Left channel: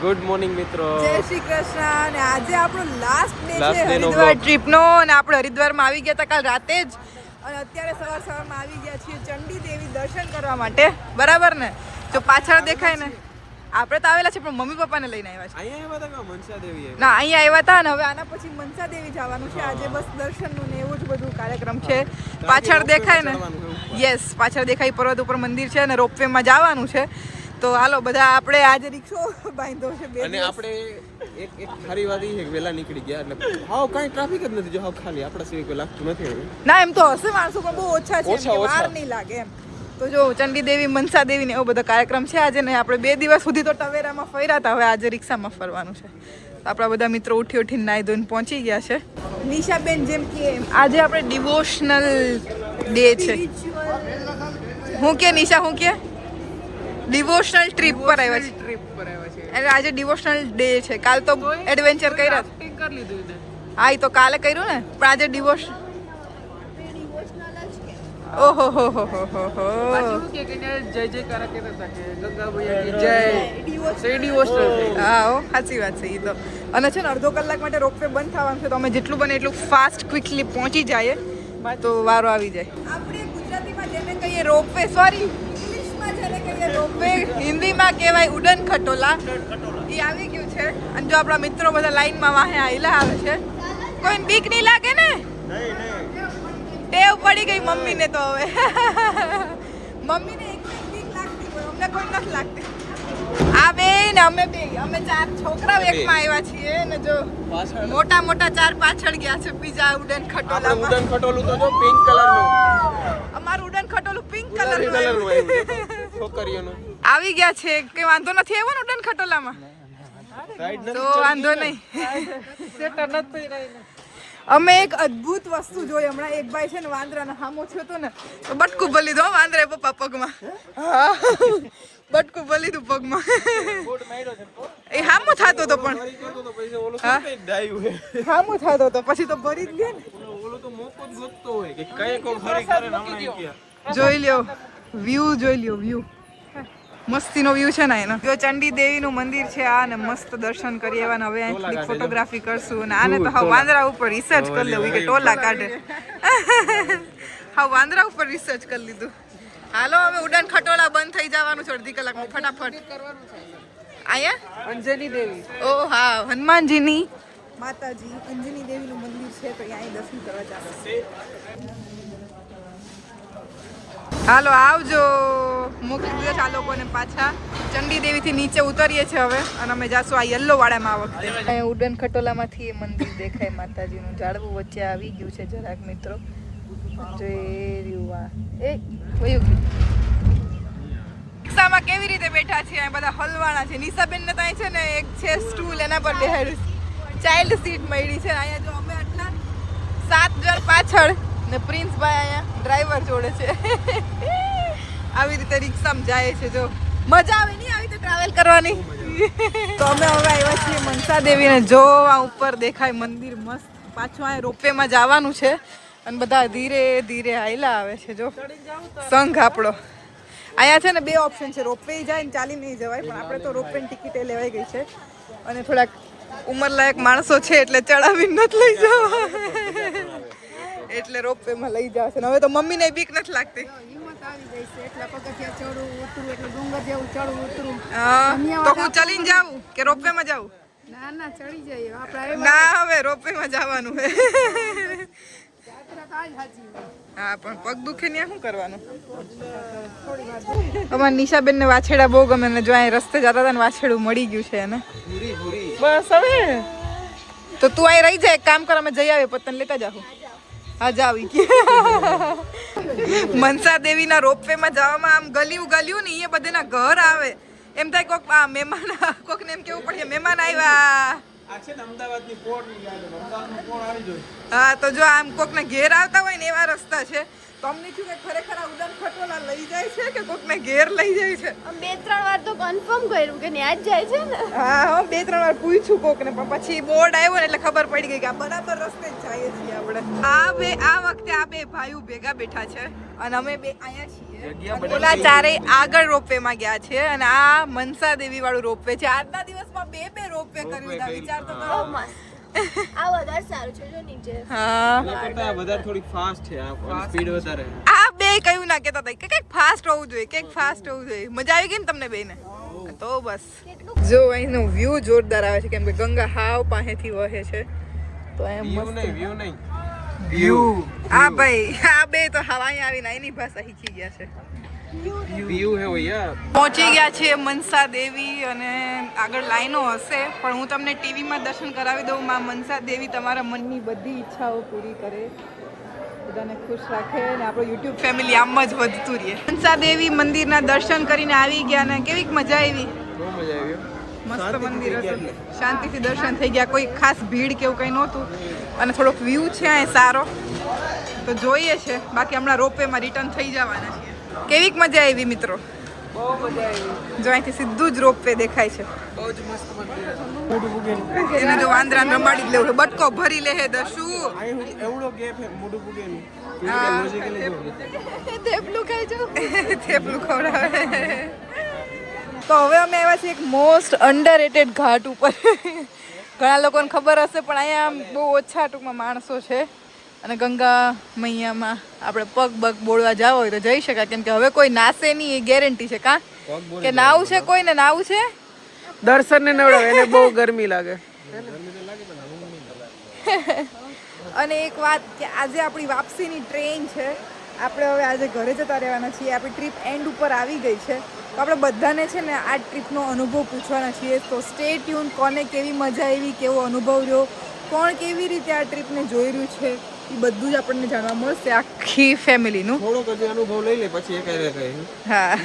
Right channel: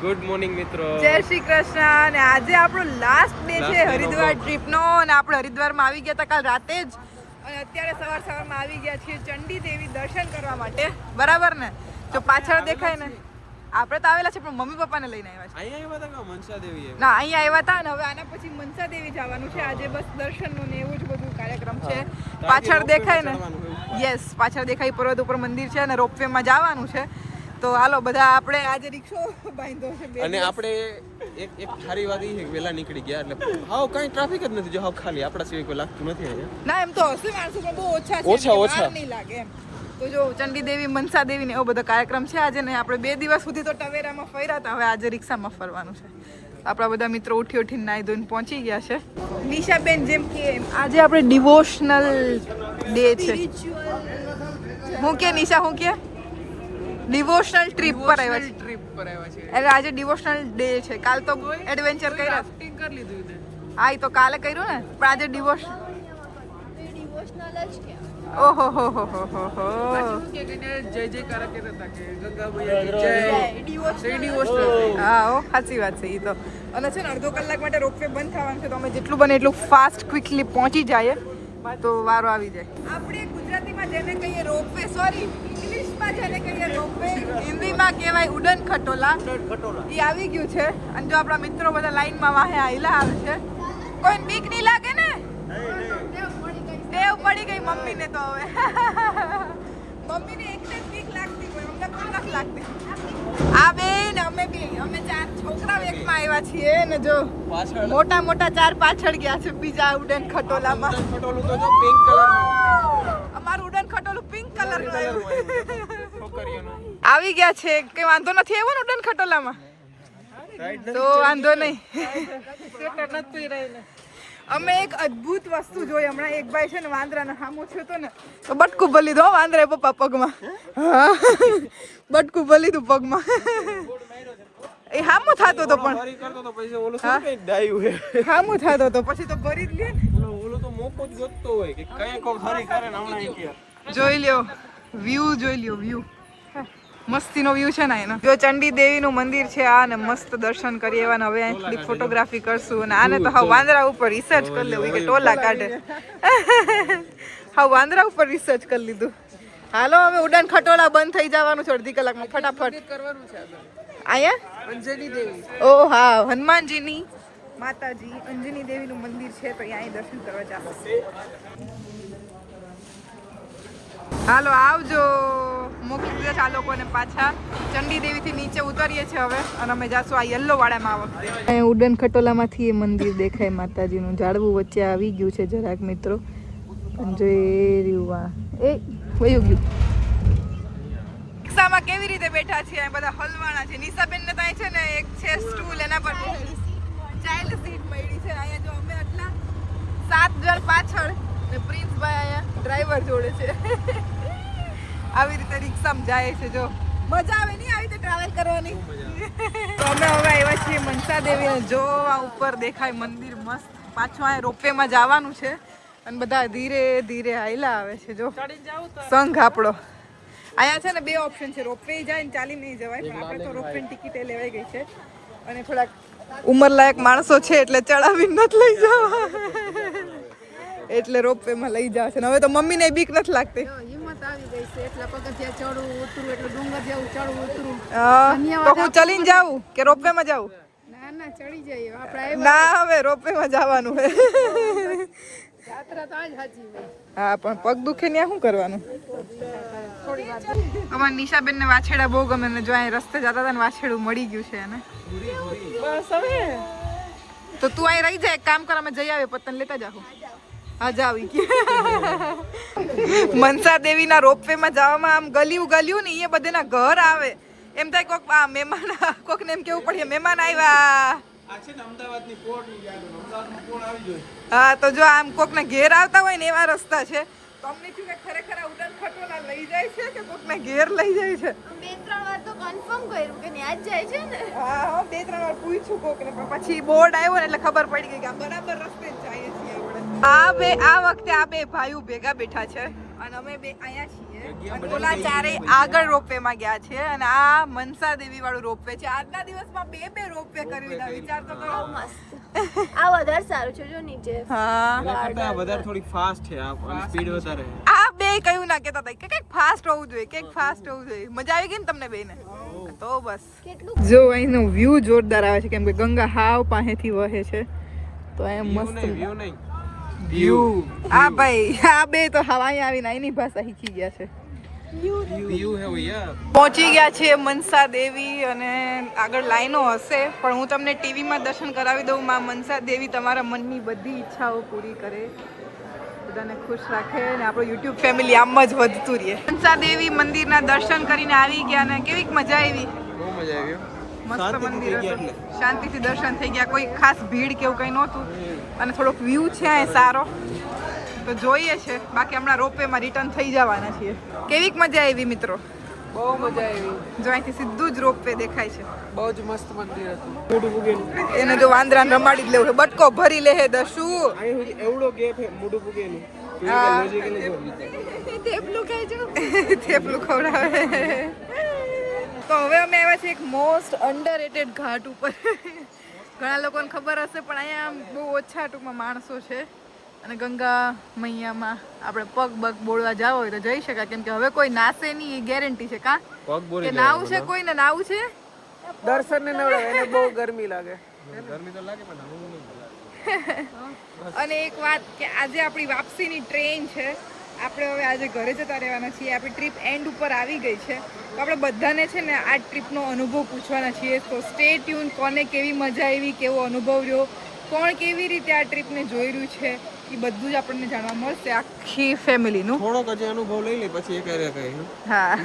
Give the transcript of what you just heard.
Good morning મિત્રો, જય શ્રી કૃષ્ણ. અને આજે આપણો લાસ્ટ ડે છે હરિદ્વાર ટ્રીપનો. અને આપણે હરિદ્વારમાં આવી ગયા હતા કાલ રાતે જ, અને અત્યારે સવારમાં આવી ગયા છીએ ચંડી દેવી દર્શન કરવા માટે. બરાબર ને? જો પાછળ દેખાય ને, આપણે તો આવેલા છે પણ મમ્મી પપ્પાને લઈને આવ્યા છે. અહીંયા આવ્યા હતા મનસા દેવી? ના, અહીંયા આવ્યા હતા ને હવે આના પછી મનસા દેવી જવાનું છે. આજે બસ દર્શનનું ને એવું જ બધું કાર્યક્રમ છે. પાછળ દેખાય ને, યસ, પાછળ દેખાય પર્વત ઉપર મંદિર છે અને રોપવેમાં જવાનું છે. તો હાલો બધા આપણે આજે રિક્ષો બાંધ્યો છે બે. અને આપણે એક સારી વાત એ છે કે વેલા નીકળી ગયા એટલે હાવ કાંઈ ટ્રાફિક જ નથી. જો હાવ ખાલી આપણા સિવાય કોઈ લાગતું નથી અહીંયા. ના, એમ તો હશે માણસો પણ બહુ ઓછા છે, એમ કે વાર નહીં લાગે એમ. તો જો ચંડી દેવી, મનસા દેવી ને એવો બધો કાર્યક્રમ છે આજે. ને આપણે 2 દિવસ સુધી તો ટવેરામાં ફર્યા હતા, હવે આજે રિક્ષામાં ફરવાનું છે. આપણા બધા મિત્રો ઉઠીને નાહી ધોઈને પહોંચી ગયા છે. નિશાબેન જેમ કે આજે આપણે ડિવોશનલ ડે છે. હું કે નિશા, હું કે ડિવોશનલ ટ્રીપ પર આવ્યા છે. એટલે આજે ડિવોશનલ ડે છે. કાલ તો એડવેન્ચર કર્યા. હા, એ તો કાલે કર્યું ને, પણ આજે ડિવોશનલ. ઓહો હો હો હો હો હો. જય જયકાર કહેતા હતા કે ગંગા મૈયા કી જય. હા, ઓ સાચી વાત છે એ તો. અને છે ને અડધો કલાક માટે રોપવે બંધ થવાનું છે, તો અમે જેટલું બને એટલું ફાસ્ટ ક્વિકલી પહોંચી જઈએ તો વારો આવી જાય. આપણે ગુજરાતીમાં જેને કહીએ રોપવે, સોરી ઇંગ્લિશમાં જેને કહીએ રોપવે, હિન્દીમાં કહેવાય ઉડન ખટોલા. એ આવી ગયું છે. અને જો આપણા મિત્રો બધા લાઈનમાં વાહે આયલા આવે છે. કોઈને બીક નહીં લાગે ને? ટેવ પડી ગઈ મમ્મીને તો હવે. મમ્મીને એકને બીક લાગતી હોય, અમને કોઈ નથી લાગતી. આ બે ને અમે 4 છોકરાઓ એકમાં આવ્યા છીએ ને જો મોટા 4 પાછળ ગયા છે બીજા ઉડન ખટોલામાં. ઉડન ખટોલું તો જો પિંક કલરનું. અમારું ઉડન ખટોલું પિંક કલરનું આવ્યું. છોકરીઓનું આવી ગયા છે કે વાંધો નથી આવ્યો ને ઉડન ખટોલામાં? તો વાંધો નહીં. અમે એક અદ્ભુત વસ્તુ જોઈ હમણાં. એક ભાઈ છે ને વાંદરાને હામો થયો હતો ને, તો બટકું ભલી દો વાંદરાએ પપ્પા પગમાં. બટકું ભલી દઉં પગમાં. એ હામો થતો હતો પણ હામો થતો હતો પછી તો ભરી જ લે ને. ઓલો તો મોકો જ ગોતતો હોય કે કાંઈ કોક હરી કરે ને હમણાં કે જોઈ લ્યો વ્યૂ, જોઈ લ્યો વ્યૂ. મસ્તીનો વ્યૂ છે ને એનો. જો ચંડી દેવીનું મંદિર છે આ, ને મસ્ત દર્શન કરી એવા. હવે અહીં થોડીક ફોટોગ્રાફી કરશું. અને આને તો હા વાંદરા ઉપર રિસર્ચ કરી લેવું કે ટોલા કાઢે. હા, વાંદરા ઉપર રિસર્ચ કરી લીધું. હાલો હવે ઉડાન ખટોલા બંધ થઈ જવાનું છે અડધી કલાકમાં. ફટાફટ અહીંયા અંજની દેવી, ઓ હા, હનુમાનજીની માતાજી અંજની દેવીનું મંદિર છે, તો અહીંયા દર્શન કરવા જશે. હાલો આવજો. મોકલી દીધા આ લોકોને પાછા. ચંડી દેવીથી નીચે ઉતરીએ છીએ હવે, અને અમે જાશું આ યલો વાડામાં આ વખતે. અહીંયા ઉડન ખટોલામાંથી એ મંદિર દેખાય માતાજીનું. ઝાડવું વચ્ચે આવી ગયું છે જરાક મિત્રો. જોઈ રહ્યું એ વયું ગયું. રિક્ષામાં કેવી રીતે બેઠા છે બધા હલવાણા છે. નિશાબેન ને ત્યાં છે ને એક છે સ્ટૂલ, એના પર બેહાડી ચાઇલ્ડ સીટ મળી છે. અહીંયા જો અમે આટલા 7 જણ પાછળ ને પ્રિન્સભાઈ અહીંયા ડ્રાઈવર જોડે છે. આવી રીતે રિક્ષામાં જાય છે. જો મજા આવે નહીં આવી રીતે ટ્રાવેલ કરવાની. તો અમે હવે આવ્યા છીએ મનસા દેવીને. જો આ ઉપર દેખાય મંદિર મસ્ત. પાછું આ રોપવેમાં જવાનું છે અને બધા ધીરે ધીરે હાયલા આવે છે. જો સંઘ આપણો અહીંયા છે ને 2 ઓપ્શન છે, રોપવે જાય ને ચાલી નહીં જવાય. પણ આપણે તો રોપવેની ટિકિટે લેવાઈ ગઈ છે અને થોડાક ઉંમરલાયક માણસો છે એટલે ચડાવીને નથી લઈ જવા, એટલે રોપવેમાં લઈ જશે. હવે તો મમ્મીને બીક નથી લાગતી. હિંમત આવી ગઈ છે એટલે પગથિયા ચડવું ઉતરું, એટલે ડુંગર જેવું ચડવું ઉતરું. તો હું ચલીને જાઉં કે રોપવેમાં જાઉં? ના ચડી જઈએ આપણે. ના, હવે રોપવેમાં જવાનું છે. યાત્રા તો આજ સાચી હોય. હા, પણ પગ દુખે ને શું કરવાનું? અમારા નિશાબેન ને વાછેડા બહુ ગમે ને. જો અહીં રસ્તે જતા હતા ને વાછેડું મળી ગયું છે એને. બસ હવે તો તું અહીં રહી જાય. એક કામ કર, અમે જઈ આવીએ, પતન લેતા જાવ. હા, જાવી. મનસા દેવીના રોપવેમાં જવામાં આમ ગલ્યું ને એ બધેના ઘર આવે એમ થાય. કોક આ મહેમાન, કોકને એમ કેવું પડે મહેમાન આવ્યા. આ છે ને અમદાવાદની પોર્ટની ગાડી, અમદાવાદમાં કોણ આવી જોઈએ. હા, તો જો આમ કોકના ઘેર આવતા હોય ને એવા રસ્તા છે. તો તમને શું કે ખરેખર આ ઉડાન ખટોલા લઈ જાય છે કે કોકને ઘેર લઈ જાય છે? બે ત્રણ વાર તો કન્ફર્મ કર્યું કે ન્યા જ જાય છે ને. હા હું 2-3 વાર પૂછ્યું કોકને પણ પછી બોર્ડ આવ્યો ને એટલે ખબર પડી ગઈ કે આ બરાબર રસ્તે જ જઈએ છીએ આપણે. આ વખતે આ બે ભાઈઓ ભેગા બેઠા છે અને અમે બે અહીંયા છીએ અને ઓલા ચારેય આગળ રોપવે માં ગયા છે અને આ મનસા દેવી વાળું રોપવે છે. આજના દિવસમાં બે રોપવે કરી લીધા. વિચાર તો કરો. મસ્ત. આ વધારે સારું છે જો નીચે. હા વધારે થોડી ફાસ્ટ છે આ સ્પીડ વધારે. આ બે કયું ના કહેતા હતા કે કંઈક ફાસ્ટ હોવું જોઈએ, કંઈક ફાસ્ટ હોવું જોઈએ. મજા આવી ગઈ ને તમને બેને? તો બસ જો અહીંનો વ્યૂ જોરદાર આવે છે કેમ કે ગંગા હાવ પાસેથી વહે છે. વ્યૂ નહીં આ ભાઈ આ બે તો હવાઈ આવીને એની ભાષા શીખી ગયા છે. વ્યૂ હે ભૈયા. પહોંચી ગયા છે મનસા દેવી અને આગળ લાઈનો હશે પણ હું તમને ટીવીમાં દર્શન કરાવી દઉં. માં મનસા દેવી તમારા મનની બધી ઈચ્છાઓ પૂરી કરે, બધાને ખુશ રાખે અને આપણું યુટ્યુબ ફેમિલી આમ જ વધતું રહે. મનસા દેવી મંદિરના દર્શન કરીને આવી ગયા ને કેવીક મજા આવી? બહુ મજા આવી. મસ્ત મંદિર હતું, શાંતિથી દર્શન થઈ ગયા, કોઈ ખાસ ભીડ કે એવું કંઈ નહોતું અને થોડોક વ્યૂ છે અહીં સારો તો જોઈએ છે. બાકી હમણાં રોપવેમાં રિટર્ન થઈ જવાના છીએ. કેવીક મજા આવી મિત્રો? જો અહીંથી સીધું જ રોપવે દેખાય છે. બહુ જ મસ્ત મંદિર હતું. મોઢું પૂગેલું. એને જો વાંદરાને રમાડી જ લેવું છે, બટકો ભરી લે હે દશું. અહીં એવડો ગેપ હે મોઢું પૂગેલું. હા. લોજિકલી જો થેપલું ખવડાવે. તો હવે અમે આવ્યા છીએ એક મોસ્ટ અંડરરેટેડ ઘાટ ઉપર. ઘણા લોકોને ખબર હશે પણ અહીંયા બહુ ઓછા ટૂંકમાં માણસો છે અને ગંગા મૈયામાં આપણે પગ બોળવા જાવ હોય તો જઈ શકાય કેમ કે હવે કોઈ નાશે નહીં એ ગેરંટી છે. કા કે નાવું છે કોઈને નાવું છે? દર્શન ને નવડો એને બહુ ગરમી લાગે. ગરમી તો લાગે પણ હું નહીં લાગે. અને એક વાત કે આજે આપણી વાપસીની ટ્રેન છે. આપણે હવે આજે ઘરે જતા રહેવાના છીએ. આપણી ટ્રીપ એન્ડ ઉપર આવી ગઈ છે તો આપણે બધાને છે ને આ ટ્રીપનો અનુભવ પૂછવાના છીએ. તો સ્ટે ટ્યુન. કોને કેવી મજા આવી, કેવો અનુભવ રહ્યો, કોણ કેવી રીતે આ ટ્રીપને જોઈ રહ્યું છે એ બધું જ આપણને જાણવા મળશે આખી ફેમિલીનું. થોડોક હજી અનુભવ લઈ લે પછી એ કહે. હા